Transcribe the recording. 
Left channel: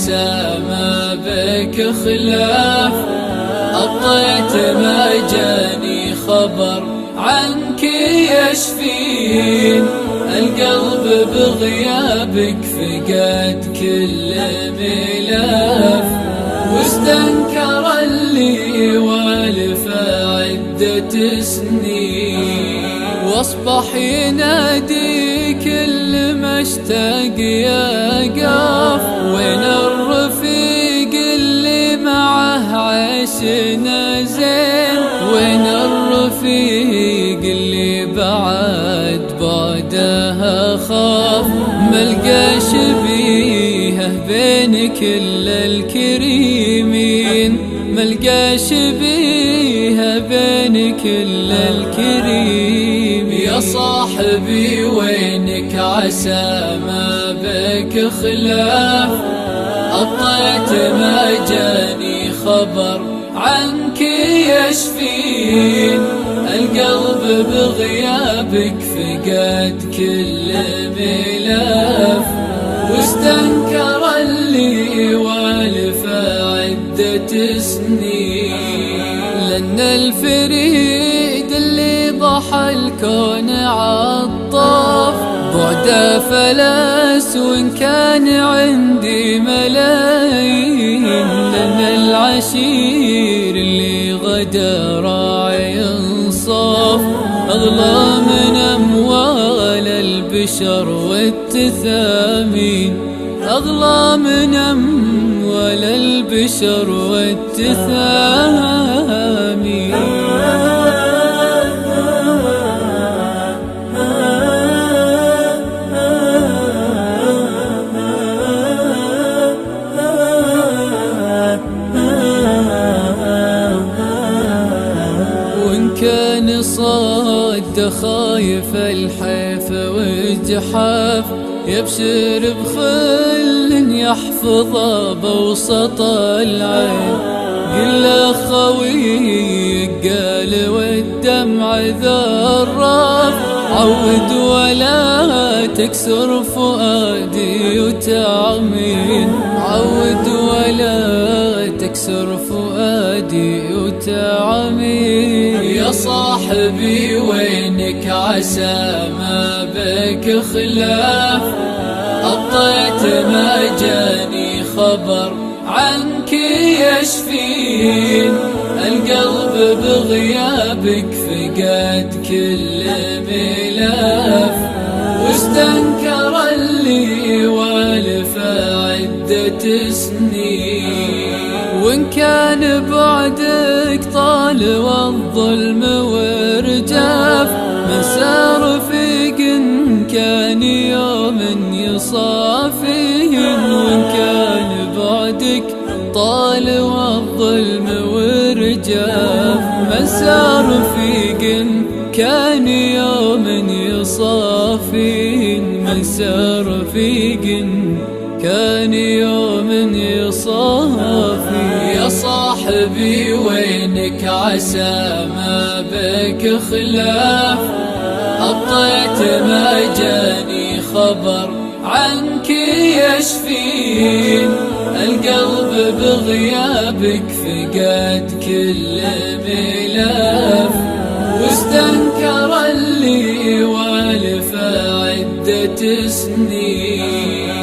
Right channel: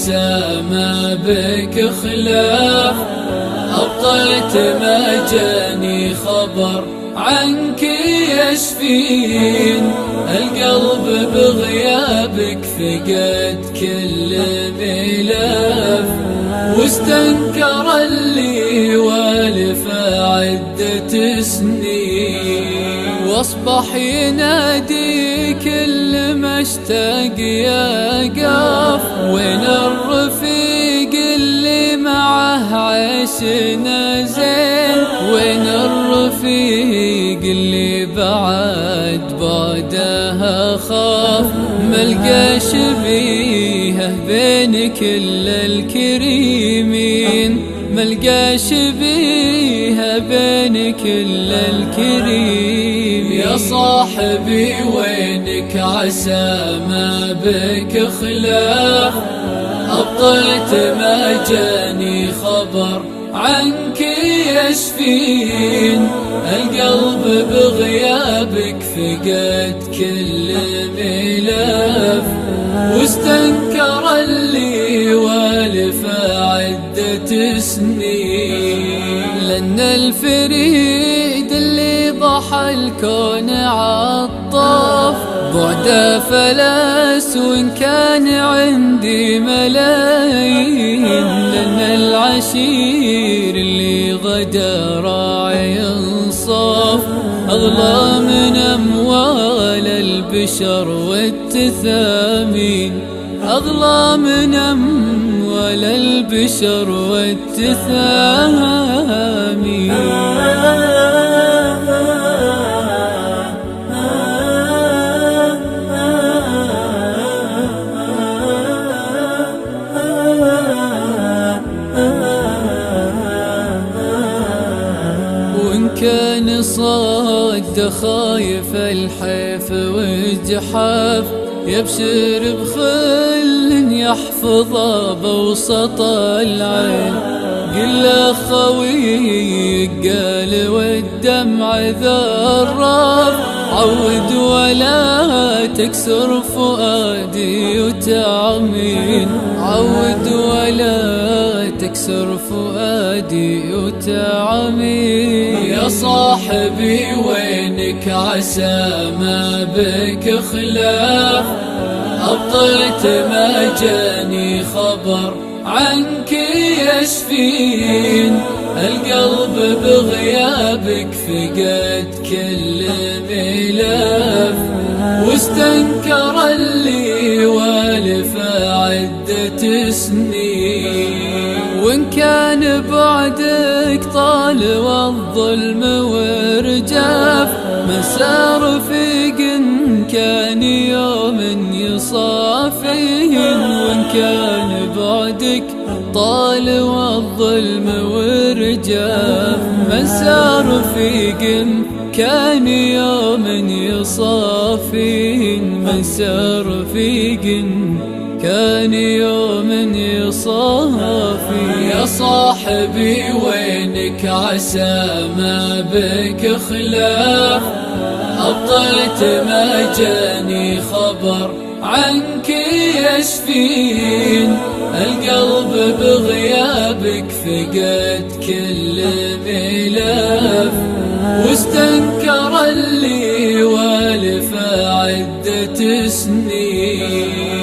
عسى ما بك خلاف، أبطيت ما جاني خبر عنك يشفين، القلب بغيابك فقد كل ملاف، واستنكر اللي والف عدة سنين، واصبح ينادي كل ما اشتاق يقف، وين الرفيق اللي معه عيشنا زين، وين الرفيق اللي بعد بعدها خاف، ملقى شبيهه بين كل الكريمين، ملقى شبيهه بين كل الكريمين. يا صاحبي وينك عسى ما بك خلاف، أبطيت ما جاني خبر عنك يشفين، القلب بغيابك فقد كل ملاف، واستنكر اللي والف عدة سنين، لأن الفريد اللي ضحى الكون عطاف، بعده فلس وإن كان عندي ملايين، لأن العشير اللي غدا راعي انصاف، أغلى من أموال البشر والتثامين، أغلى من أموال البشر والتثامين. وإن كان صد خايف الحيف والجحاف، يبشر بخل يحفظه بوسط العين، قل خوي قال والدمع ذراف، عود ولا تكسر فؤادي وتعمين، عود ولا تكسر فؤادي وتعمين. يا صاحبي وينك عسى ما بك خلاف، أبطيت ما جاني خبر عنك يشفين، القلب بغيابك فقد كل ملاف، واستنكر اللي والف عدة سنين، وإن كان بعدك طال والظلم ورجاف، مسار رفيق كان يوم يصافين، وإن كان بعدك طال والظلم ورجاف، مسار رفيق كان يوم يصافين، مسار رفيق كان يوم يصافي. يا صاحبي وينك عسى ما بك خلاف، أبطيت ما جاني خبر عنك يشفين، القلب بغيابك فقد كل ملاف، واستنكر اللي والف عدة سنين.